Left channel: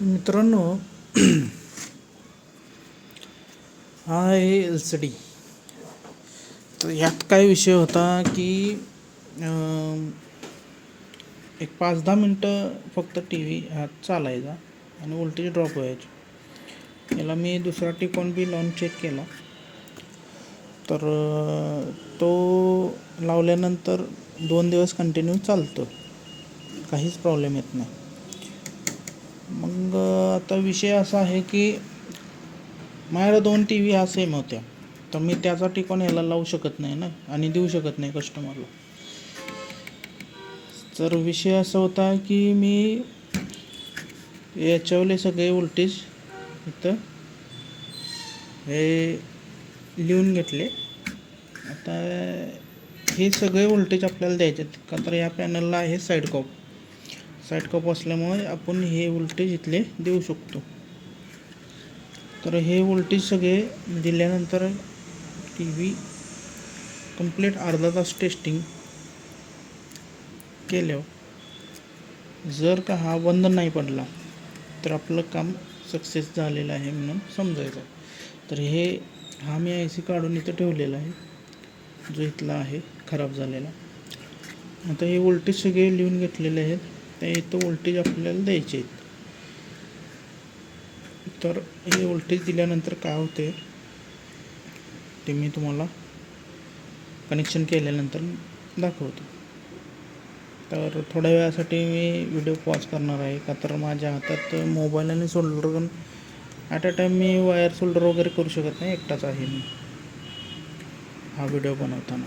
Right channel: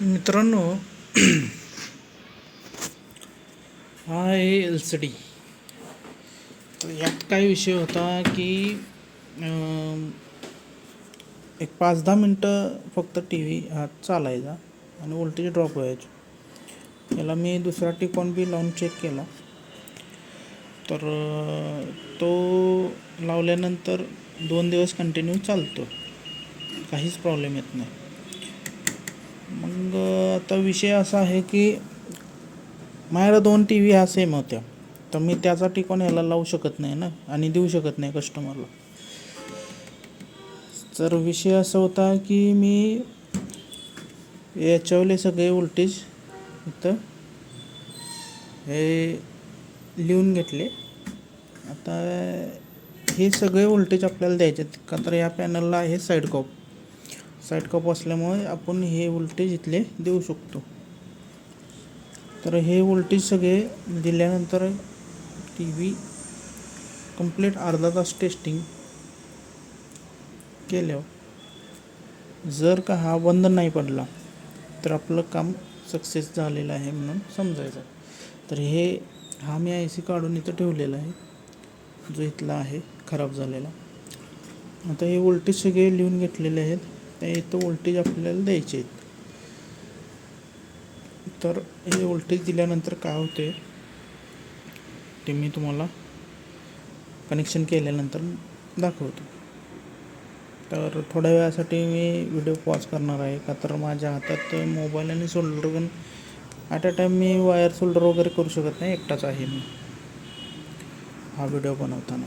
मित्रांनो, हा आहे LCD. तर यात काय विषय होता की एक 5-10 मिनटं फक्त टी व्ही हा चालायचा आणि वोल्टेज ड्रॉप व्हायचे. याला मी दुसरा टिकॉन बी लावून चेक केला, तर तो लावल्यानंतर 2 दिवस कंटिन्यू चालतो, काहीच प्रॉब्लेम येत नाही. मग आता विषय असा आहे की माझ्याकडे 2 TV ह्या सेम होत्या, तर मी त्याचा टिकॉन याला लावू शकत नाही ना, आणि देऊ शकत नाही कस्टमरला. तर विषय असा होता की मी याच्यावरले सगळे वोल्टेज इथं हे लिहून घेतले. आता हे सगळे वोल्टेज आपल्याला द्यायचे आहेत का, तर या पॅनलला आहे साईड कॉप असल्यामुळे आपण हे वोल्टेज इथले देऊ शकतो. तर हे वोल्टेज सगळे दिल्यानंतर टी व्ही कंप्लीट अर्धा तास टेस्टिंग केल्यावर जर का हा बंद नाही पडला तर आपलं काम सक्सेस झालेलं आहे म्हणून समजायचं. तर हा मी IC काढून इथं ठेवलेला आहे, जो इथला आहे खराब झालेला. आता हे वोल्टेज सगळे लिहून घेतलेले आहेत, त्या इथं वोल्टेज आपल्याला द्यायचे आहेत. तर हे वोल्टेज दिल्यानंतर काय होते ते मी तुम्हाला कनेक्शन केल्यानंतर दाखवतो. तर थोड्या वेळासाठी मी व्हिडिओ पॉज करणार आहे, का तर माझ्या हातात मोबाईल आणि solder gun at a time मी वायर सोल्डर वगैरे करू शकत नाही, एकटाच आहे मी हा व्हिडिओ बनवताना.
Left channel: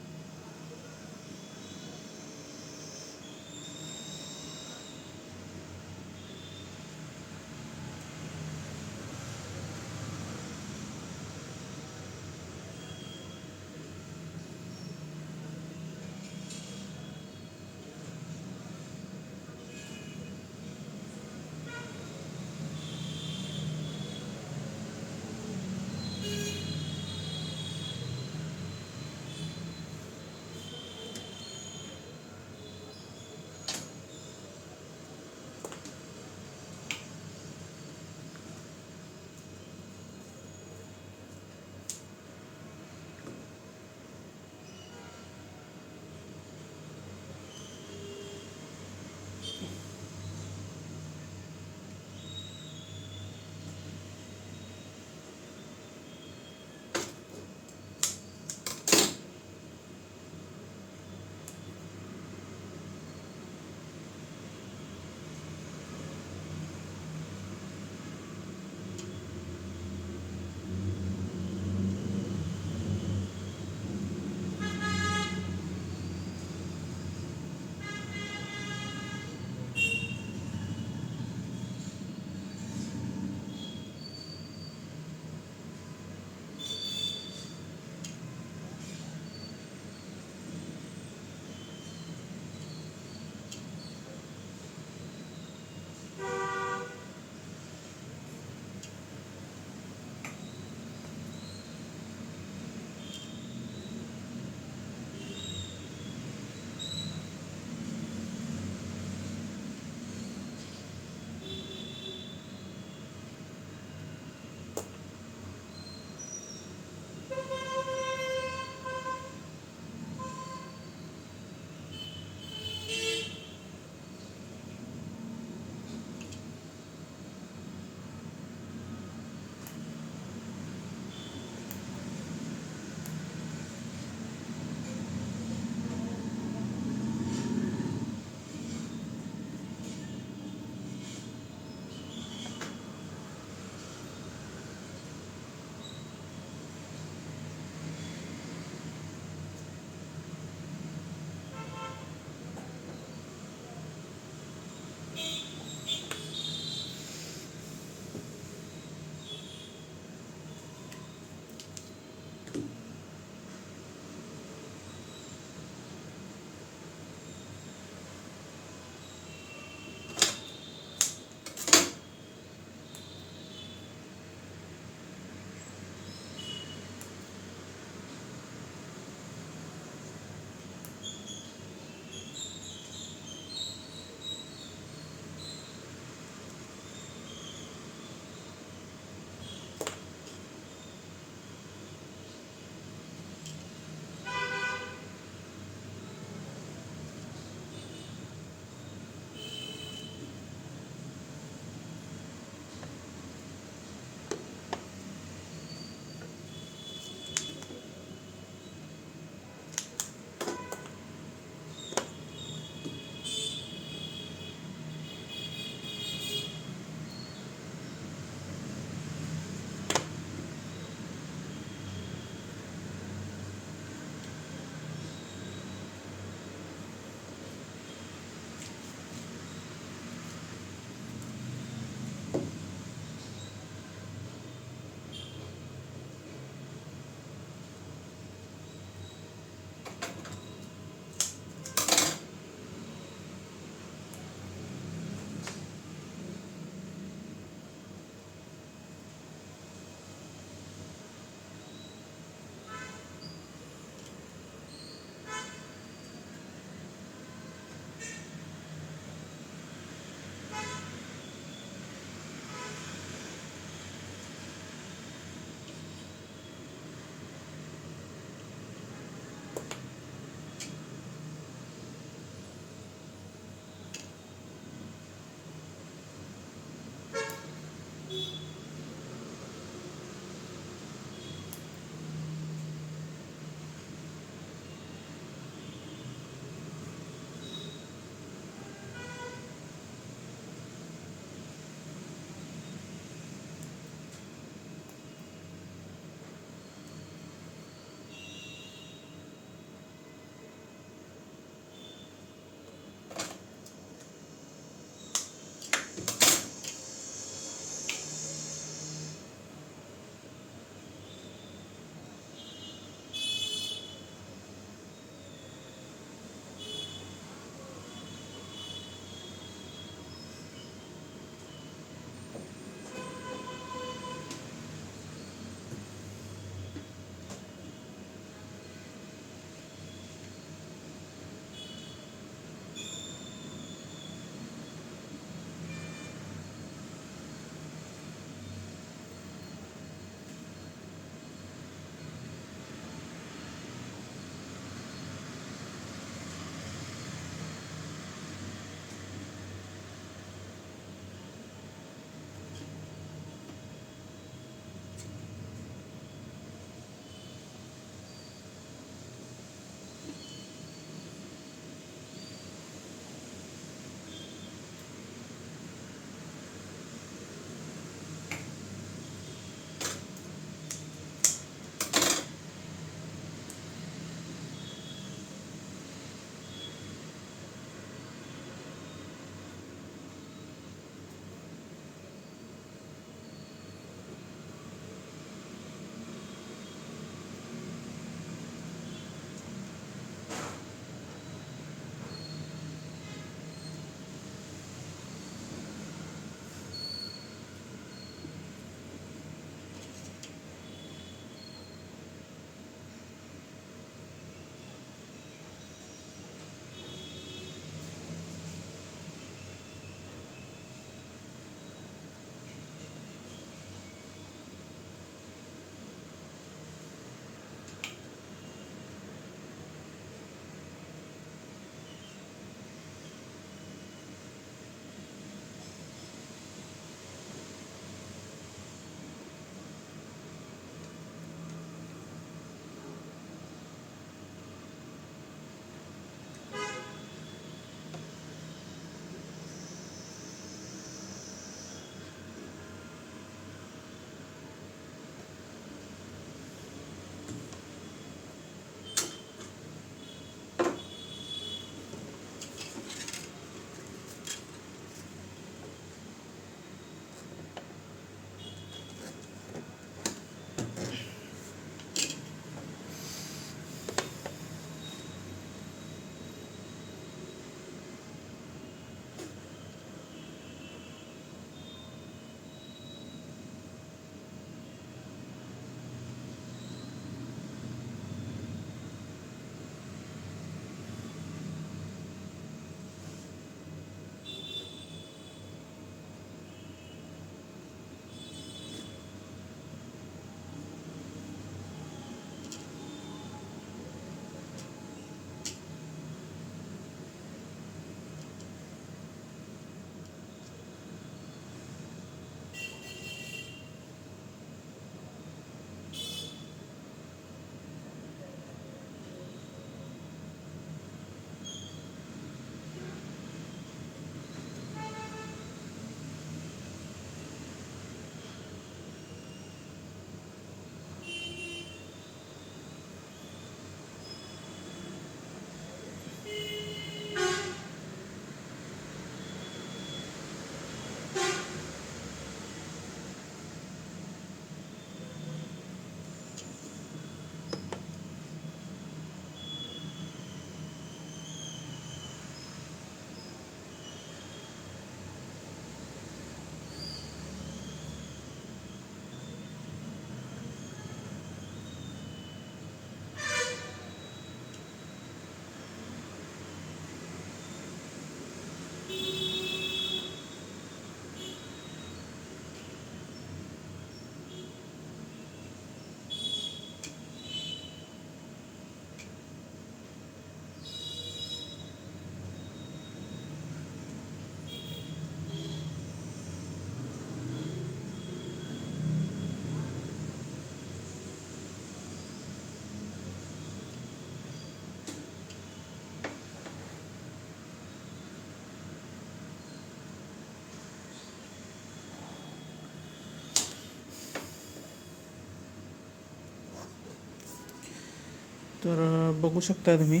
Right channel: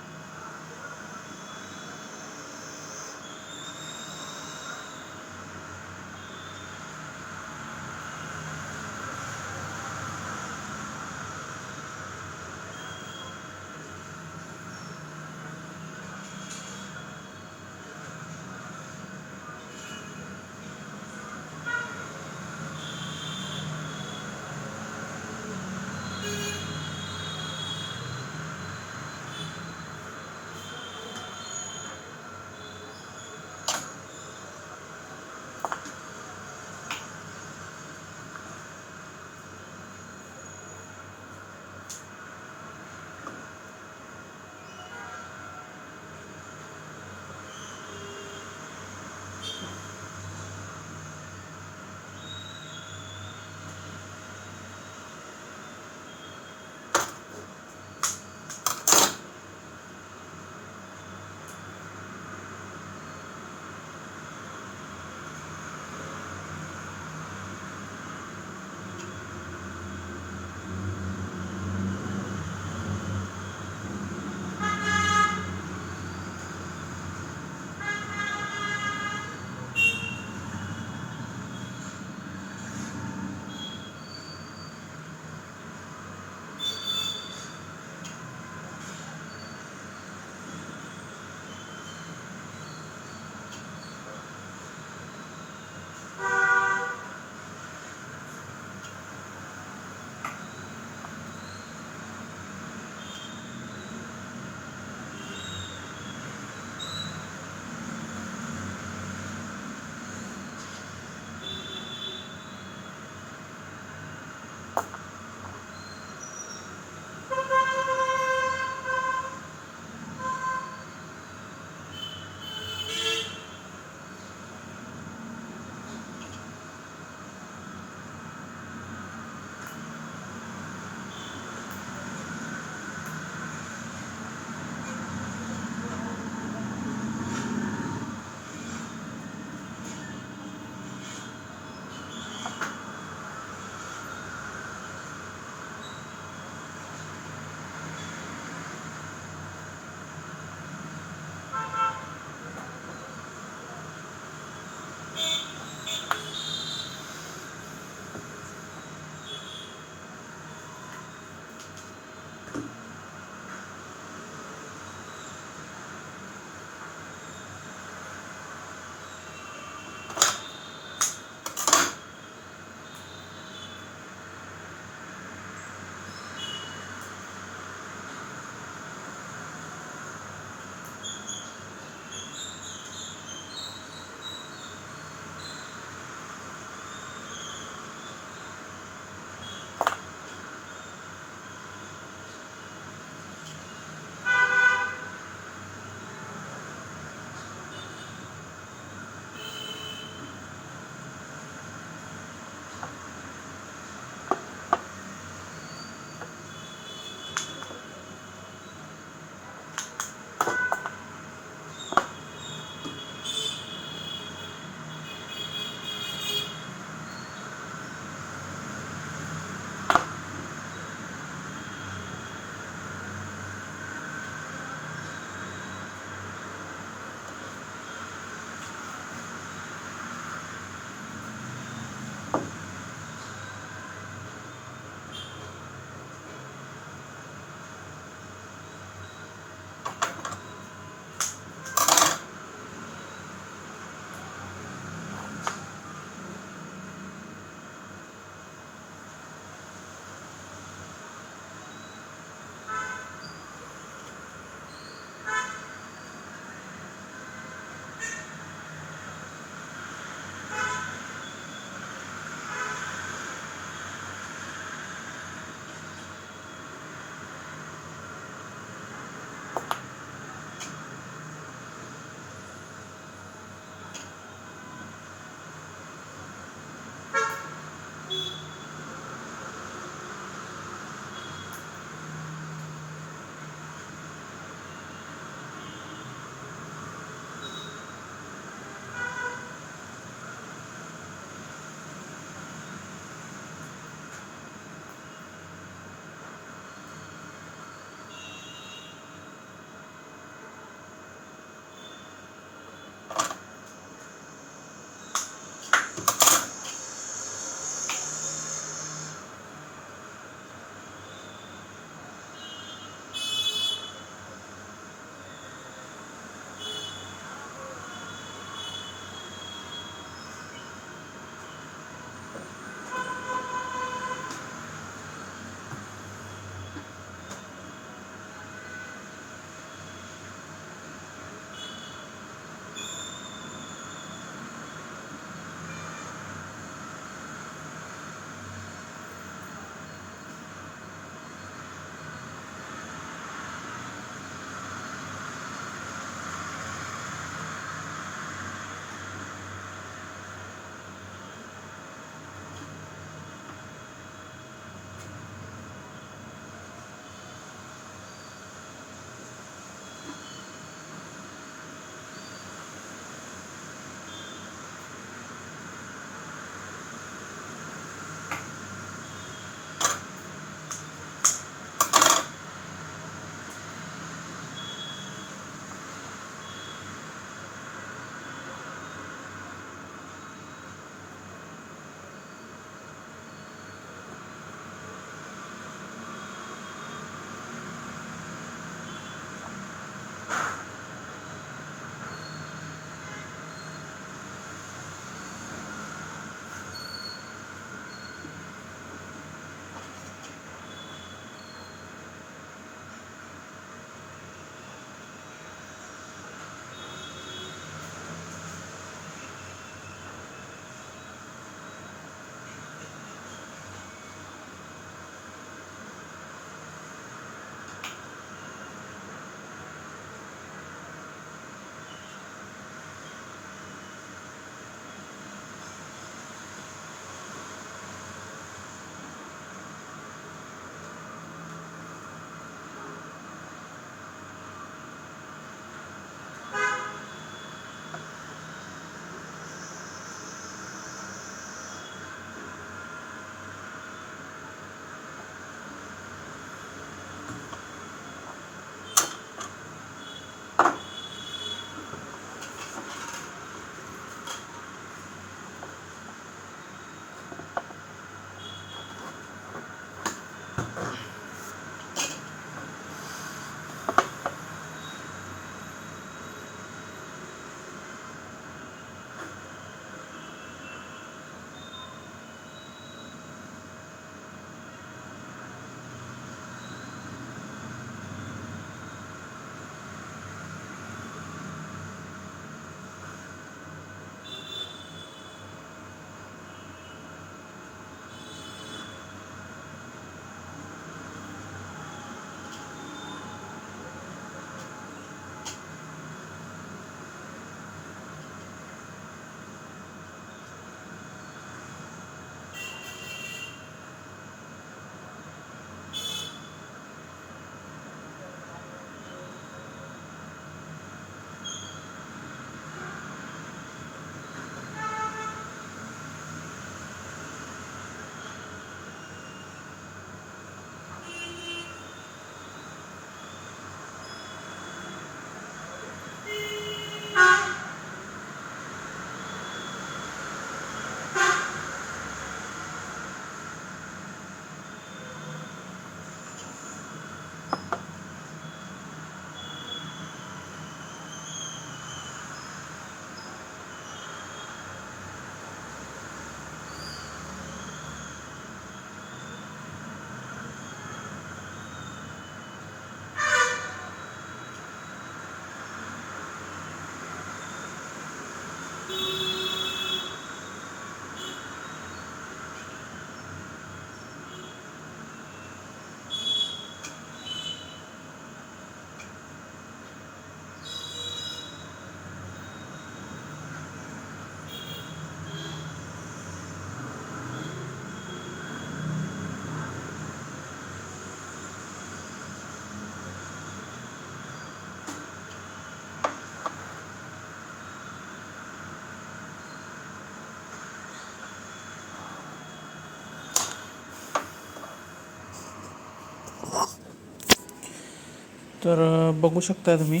तर बघू शकता तुम्ही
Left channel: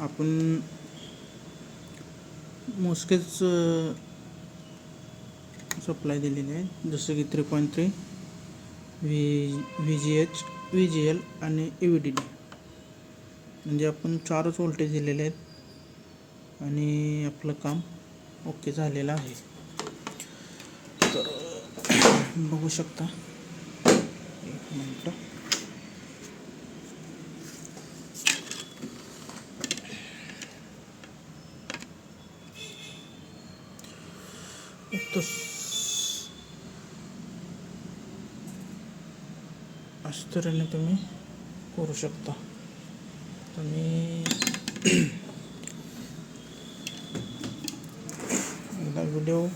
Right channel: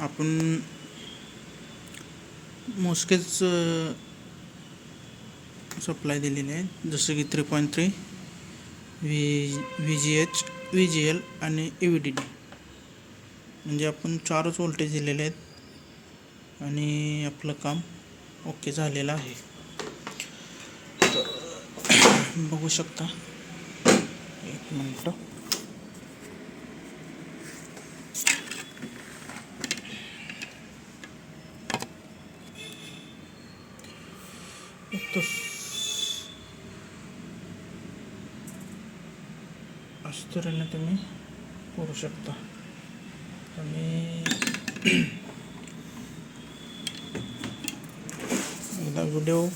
आपण मोजकेच सप्लाय दिलेले आहेत, जसं की 3.3 VGH, VGL आणि EVDD. म्हणजे आपण 4च वोल्टेज दिलेले आहेत आणि आपलं काम ओके झालेलं आहे. तर बघू शकता, एक मिनटं. अशा तऱ्हेने तुम्ही करू शकता. आणि एकदा व्हिडिओ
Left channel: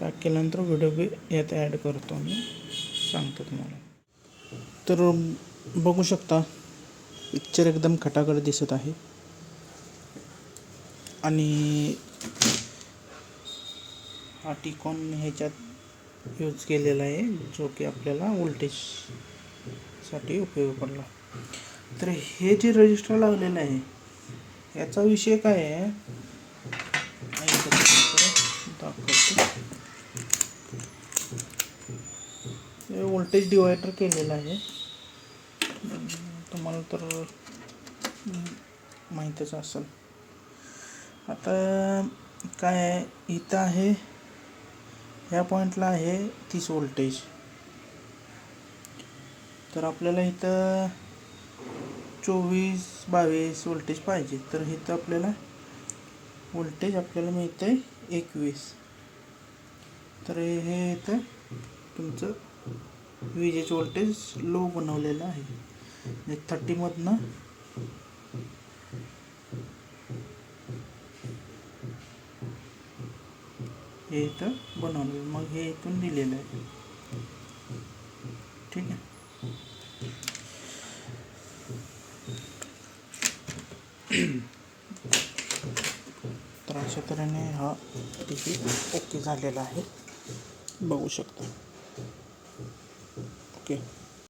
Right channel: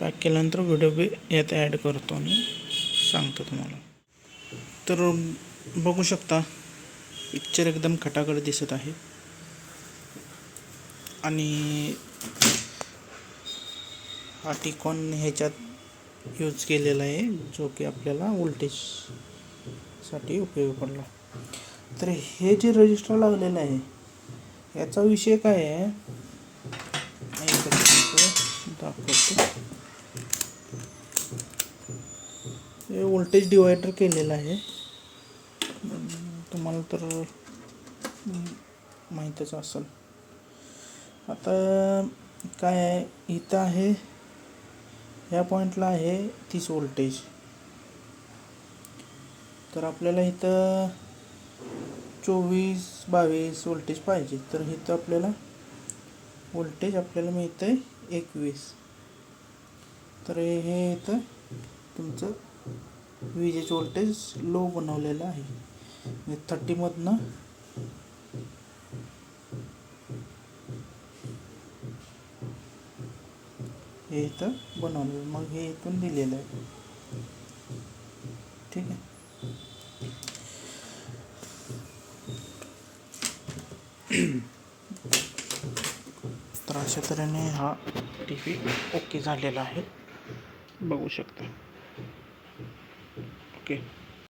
पॅक केल्यानंतर व्हिडिओ बी यात ॲड करतो आणि सांगतो तुम्हाला. तर बघू शकता, पिक्चर एकदम खटाखट दिसत आहे आणि हा टिकॉन ह्याच्यात यूज केलेला आहे, जो की आपल्याला वोल्टेजसाठी उपयोगी पडला. तर हे जे रजिस्टर लावलेलं आहे याचा विषय काय आहे दाखवतो. हे वोल्टेज डिवायडर केलेलं आहे, तुम्हाला तर माहीतच असेल. आता काय आहे, इथं आहे ह्या पॉईंटला आहे 30 वोल्टेज. तर आपल्याला इथं 24-22 वोल्टेज पाहिजे. तर इथं आपल्याला वोल्टेज आपल्याला मिळतं आहे 21. तर हे इथं तुमचं विजेचं वोल्टेज लो बनवलेलं आहे, म्हणजे 30मधनं हे इथं बनवलेलं, मग हे इथून दिलेलं आहे. ठीक आहे. तर अशा तऱ्हेने हा TV ओके झालेला आहे, बघू शकता. ओके.